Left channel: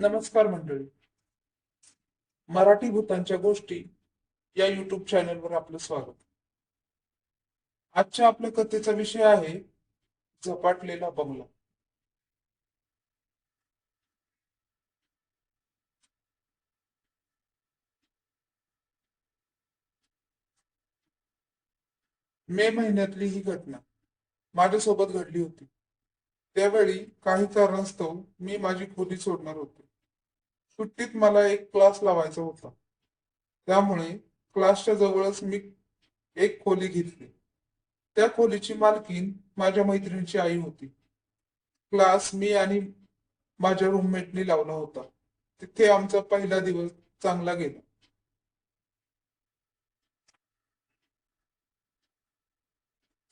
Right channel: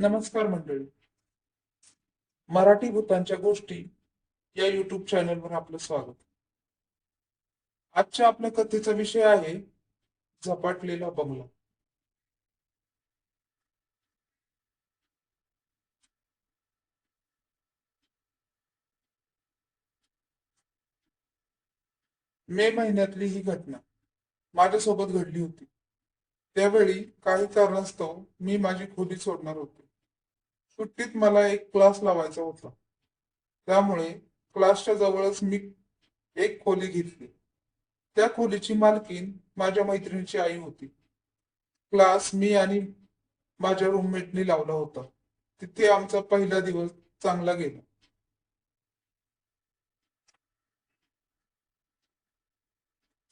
नमस्कार मंडळी. मराठी भूतांच्या गोष्टी या युट्यूब चॅनलवर आपलं स्वागत. आजच्या आपल्या कथेचा विषय आहे झपाटलेला बंगला. मे महिन्यातली ही घटना माझ्यासोबत घडली होती. त्यावेळी काही कारणास्तव मी माझी खोली सोडणार होते. सुट्टीत मला एक क्लास लावायचा होता. त्यामुळे क्लासच्या जवळच मी एक खोली घेतली. त्या खोलीची मालकीण माझ्या मैत्रिणीची आई होती. क्लास मी आणि माझ्या रूममेटनी लावला होता. तिथे आमचा पहिला दिवस चांगला गेला.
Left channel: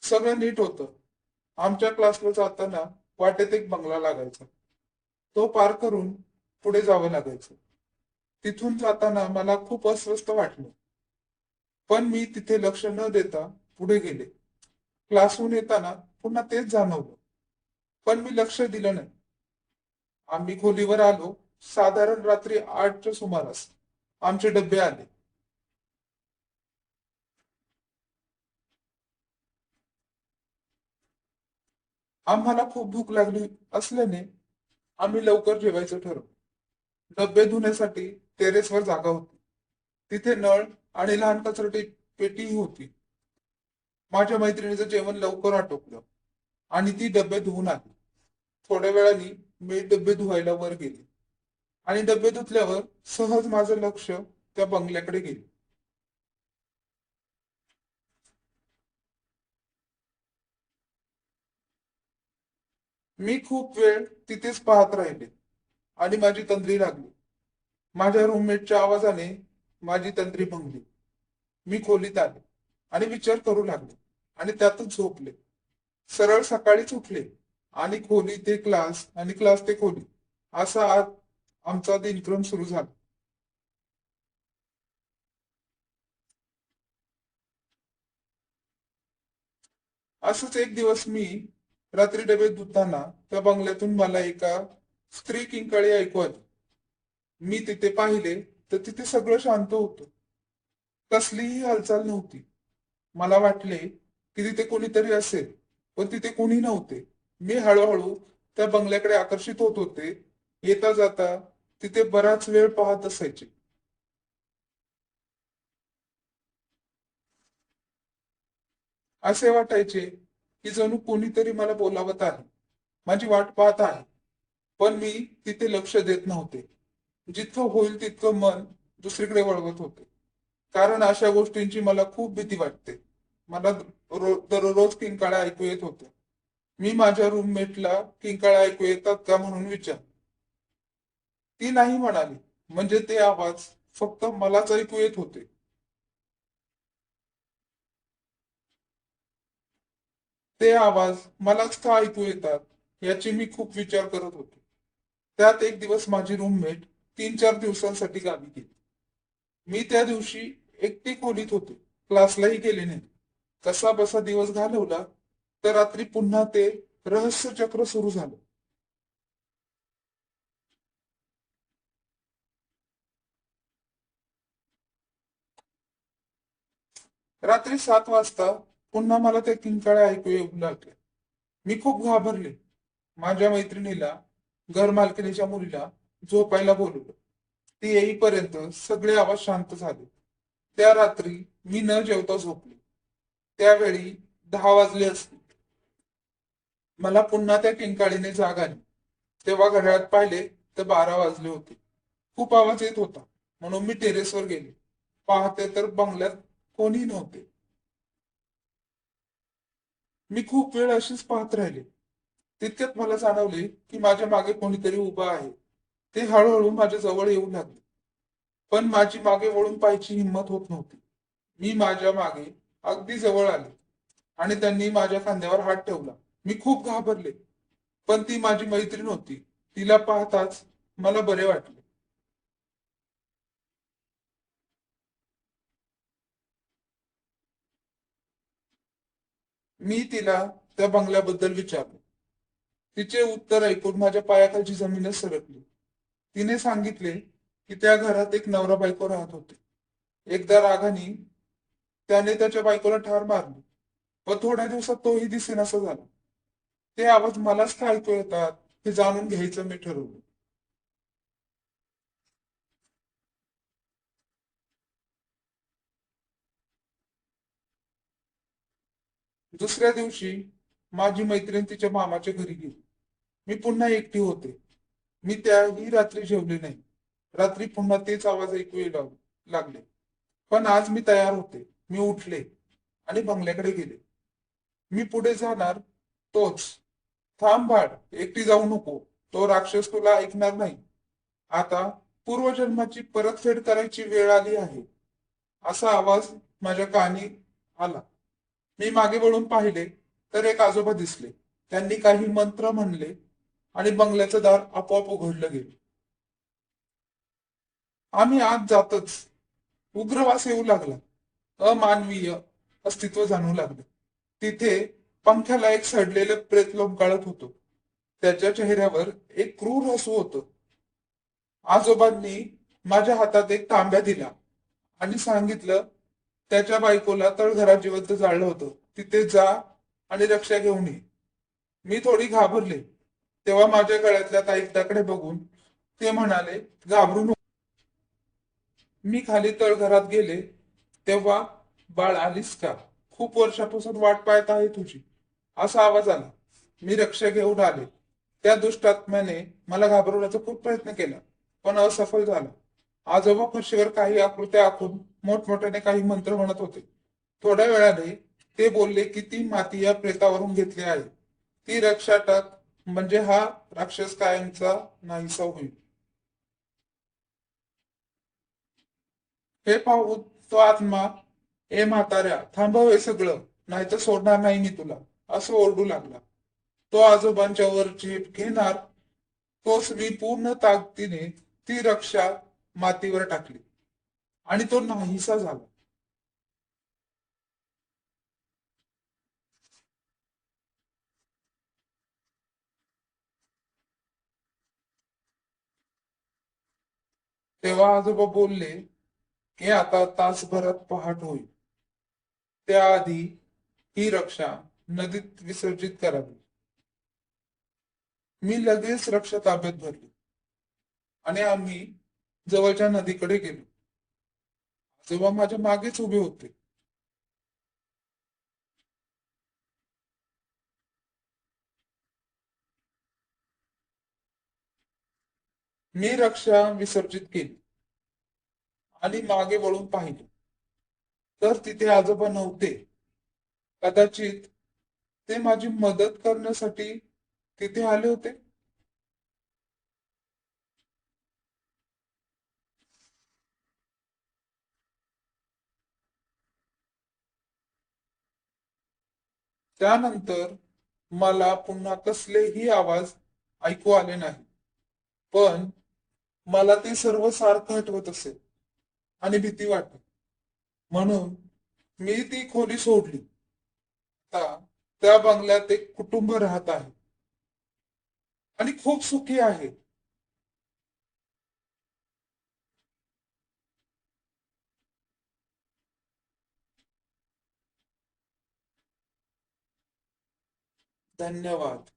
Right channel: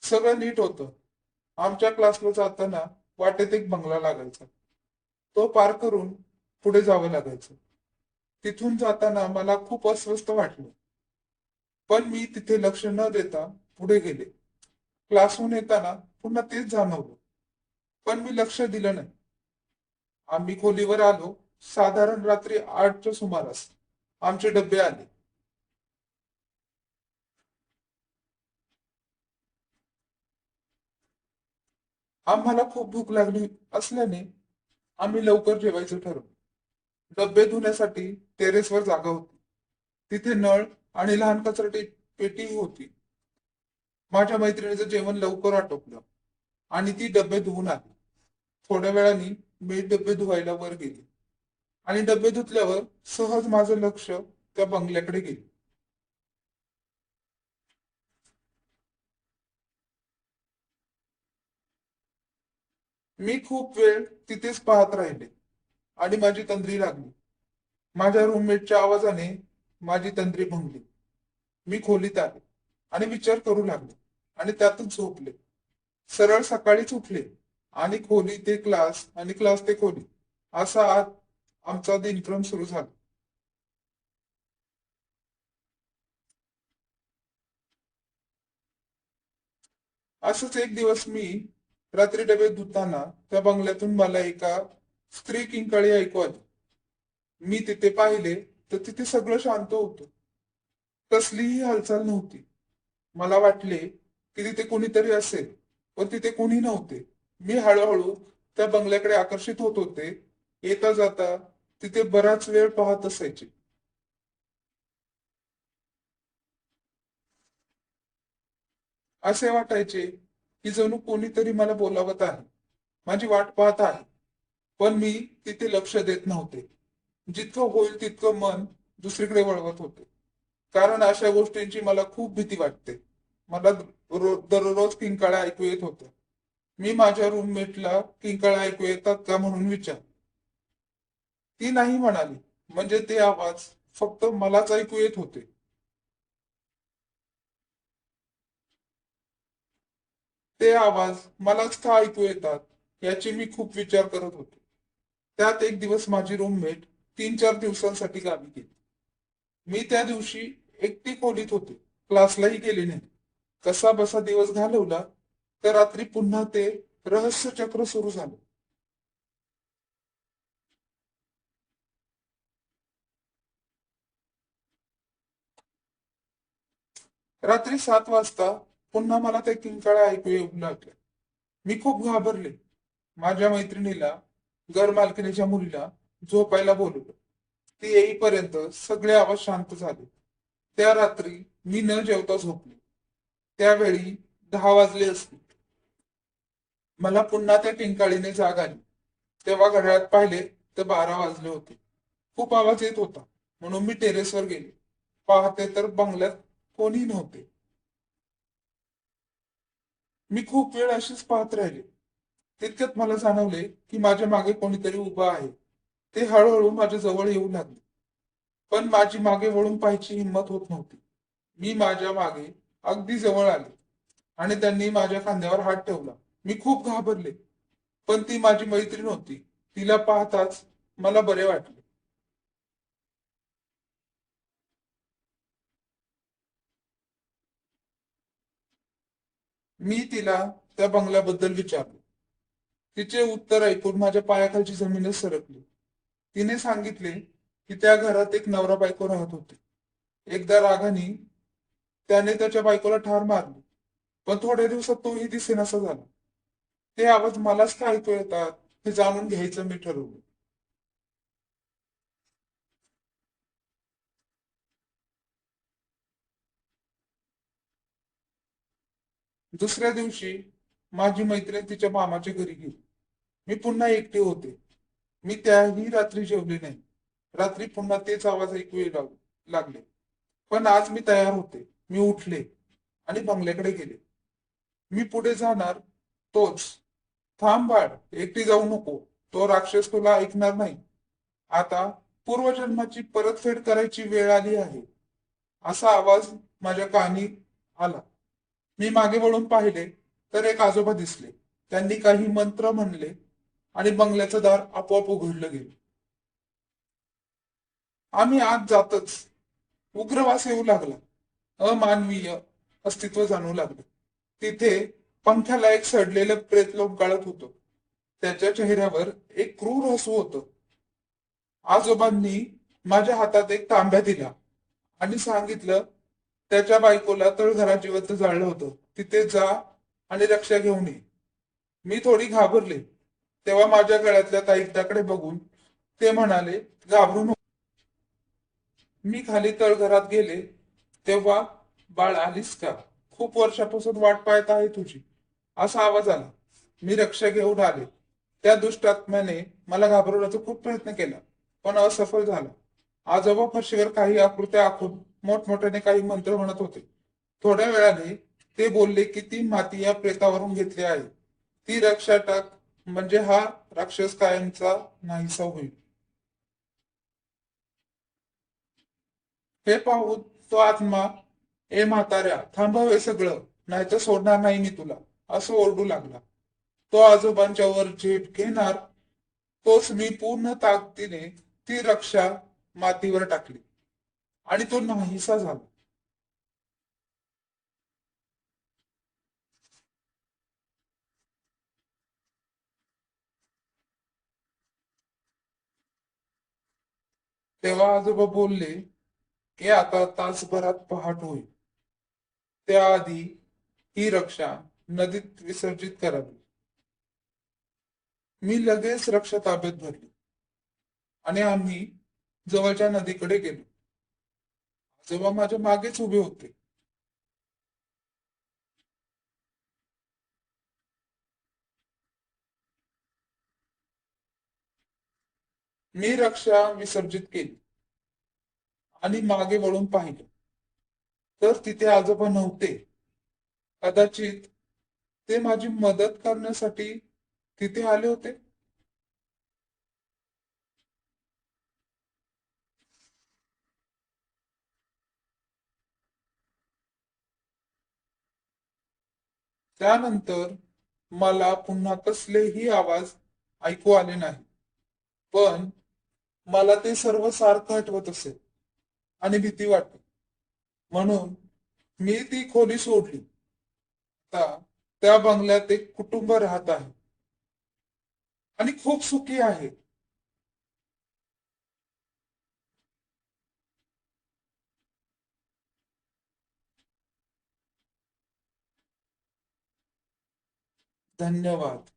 सगळं नीट होतं. आमच्या क्लासला जाताना वाटेत एक बंगला लागायचा. तो पार करून पुढे जावं लागायचं. तिथून जाताना मला खूप अस्वस्थ वाटलं. पण मी तिथे लक्ष न देता पुढे गेले. क्लासहून येताना पुन्हा तेच जाणवलं. पण मी लक्ष दिलं नाही. आम्ही खोलीवर आलो. साधारण रात्री 8च्या सुमारास आमचे डबे आले. आम्हाला खूप भूक लागली असल्याने आम्ही लवकर जेवायचं ठरवलं. डबे धुण्यासाठी टेरेसवर जागा होती. तिथे नळ आणि लहान कचरा पेटीही होती. माझ्या मैत्रिणीचं जेवण लवकर आटोपलं आणि ती डबे धुवून आली. थोड्या वेळाने मी डबे धुवायला वर गेले आणि डबे धुतल्यावर सहज माझं लक्ष त्या बंगल्याकडे गेले. मी खूप वेळ तिथेच पाहत राहिले आणि माझी तंद्री लागली. माझ्या रूममेटच्या आवाजाने माझी तंद्री भंगली. मी खोलीत आले आणि विचार करू लागले आणि त्यातच झोपले. सरळ सकाळीच उठले आणि खोली ते क्लास आणि क्लास ते खोली असा आज आमचा दिनक्रम सुरू झाला. असंच एक दिवस मी रात्री डबे धुताना त्या बंगल्यातून मला एका स्त्री किंकाळी ऐकू आली. मी तिथे पाहिले तर तिथे सगळं शांत होतं. कसलीही हालचाल नव्हती. मला वाटले की तिथे कोणीतरी असेल, पण तिथे कोणी नव्हते. मी हळूहळू त्या बंगल्याकडे आकर्षित होत होते. येता जाता तिथे बराच वेळ पाहत असायचे. असे वाटायचे की जणू कोणीतरी मला बोलावत आहे, माझी वाट पाहत आहे. पण मी तिथे लक्ष देत नव्हते. जितकं होईल तितकं मन दुसरीकडे वळवत होते. कारण अशा गोष्टींची मला खूप भीती वाटते. मला दररोज किंकाळ्या ऐकू येत होत्या. मी माझ्या रूममेटला किंकाळ्या ऐकू येतात का म्हणून विचार. ती नाही म्हणाली. म्हणजे ते आवाज फक्त मलाच ऐकू येत होते. ते आवाज मलाच का ऐकू येतात याची मी खूप विचार करत होते. त्यात एक दिवस माझी रूममेट 3-4 दिवसांसाठी गावी गेली. मी त्या दिवशी एकटी खोलीत होते. क्लासलाही गेले नाही. कसा बसा दिवस घालवला. त्या रात्री पुन्हा ते रहस्य चक्र सुरू झालं. रात्री 7 वाजता पुन्हा मला त्या किंकाळ्या ऐकू येऊ लागल्या. मी खूप घाबरले. माझ्या मैत्रिणीला, घर मालकिणीच्या मुलीला झोपायला बोलवलं. ती येईपर्यंत सगळे आवाज शांत झाले. त्या रात्री मी न जेवता झोपले. त्यावेळी 10 वाजले असतील. मला पुन्हा त्या किंकाळीने जाग आली. तेव्हा घड्याळात पाहिले तर 12 वाजले होते. खूप आवाज येत होता म्हणून मी टेरेसवर गेले. पाहते तर बंगल्यात कोणी नव्हते. मी खूप वेळ अशीच पाहत राहिले. तितक्यात मला जाणवले की माझ्या मागे कोणीतरी उभा आहे. ते हळूहळू माझ्या जवळ येऊ लागले. पण माझी मागे वळून पाहायची हिंमत होत नव्हती. मी माझ्या मागे अगदी जवळ आले आणि त्यांनी माझ्या खांद्यावर हात ठेवला. मी खूप घाबरले. पण ती माझी मैत्रीण होती. तिला पाहताच मला बरे वाटले. मी तिला त्या बंगल्याबद्दल विचारले. तिचे उत्तर ऐकून माझ्या पायाखालची जमीनच सरकली. तिने सांगितले की त्या घरात एक नवरा बायको राहत होते. एकदा रागाने त्याने त्याच्या बायकोला ठार मारली, पण थोड्या दिवसात तोही दिसेनासा झाला. ते आवाज मलाच का ऐकू येतात हे जाणून घ्यायचं मी ठरवलं. दुसऱ्या दिवशी माझी मैत्रीण तिच्या मामाच्या घरी गेली. मी पुन्हा एकटी होते. मी त्याही रात्री जेवले नाही. रात्री पुन्हा तेच आवाज ऐकू लागले. पण आज मी तयार होते. मी उठले आणि बंगल्याकडे गेले. मी पुढे जाणार तोच. थांब बाळ, एकटी जाऊ नको. तो राक्षस तुला ऐकणार नाही. आता पूर्वजन्माची परतफेड करायची वेळ आली आहे. असा आवाज माझ्या कानी आला. मी मागे वळून पाहिले तर एक आजोबा दिसले. त्यांनी काही मंत्र म्हणले आणि बंगल्याचं दार आपोआप उघडलं गेलं. आम्ही आत जातच उग्रवास येऊ लागला. अमानवीय अस्तित्व जाणवू लागलं. तिथे पंख्याला एक सडलेलं प्रेत लोंबकळत होतं. त्याच्या चेहऱ्यावर एक क्रूर हसू होतं. आजोबांनी माझ्या हातात एक तांब्या दिला आणि सांगितलं, त्याच्या बायकोला तळघरात जिवंत जाळलं होतं. तिथे जा आणि रक्षा घेऊन ये. मी थोडी घाबरले. तेव्हा माझ्या गळ्यातल्या ताईताकडे बघून ते म्हणाले, घाबरू नको. मी खाली तळघरात गेले तेव्हा, बाळ आलीस का? खूप वर्षापासून वाट पाहत आहे तुझी, असा आवाज आला. मी रक्षा घेऊन आले. त्या दुष्टात्म्याने मला घाबरवण्याचा खूप प्रयत्न केला, पण असफल झाला. आजोबा फरशीवर काही आकृत्या आखून मोठमोठ्याने काही मंत्र म्हणत होते. थोड्या वेळाने ते बोलले की ती माती या प्रेतावरून घेतली आहे. ती रक्षा टाक, म्हणजे हा राक्षस कायमचा नाहीसा होईल. हे पाहून तो आत्मा, ए म्हाताऱ्या, थांबव हे सगळं, नाहीतर सोडणार नाही मी तुला, असं ओरडू लागला. तो आजोबांच्या वर झेप घेणार तोच मी पूर्ण ताकदीने ती रक्षा मातीवर टाकली आणि तो नाहीसा झाला. तेव्हा आजोबा बोलले की आता तासभरात पहाट होईल. त्याआधी ही रक्षा नदीत विसर्जित करावी. मी लगेच रक्षा ताब्यात धरली आणि आम्ही जवळच्या नदीकडे गेलो. आजोबा माझ्या मागेच उभे होते. मी रक्षा विसर्जित केली आणि मागे वळून पाहिलं तर तिथे आजोबा नव्हते. कदाचित ते माझी मदत करण्यासाठी तिथे आले होते. त्यानंतर मला पुन्हा कसलेही आवाज ऐकू आले नाही. पण मला ते सर्व सारखं आठवत असे आणि भीती वाटते. म्हणून मी ती खोली सोडली. आता त्या बंगल्यात एक कुटुंब राहत आहे आणि खूप सुखी आहे. धन्यवाद.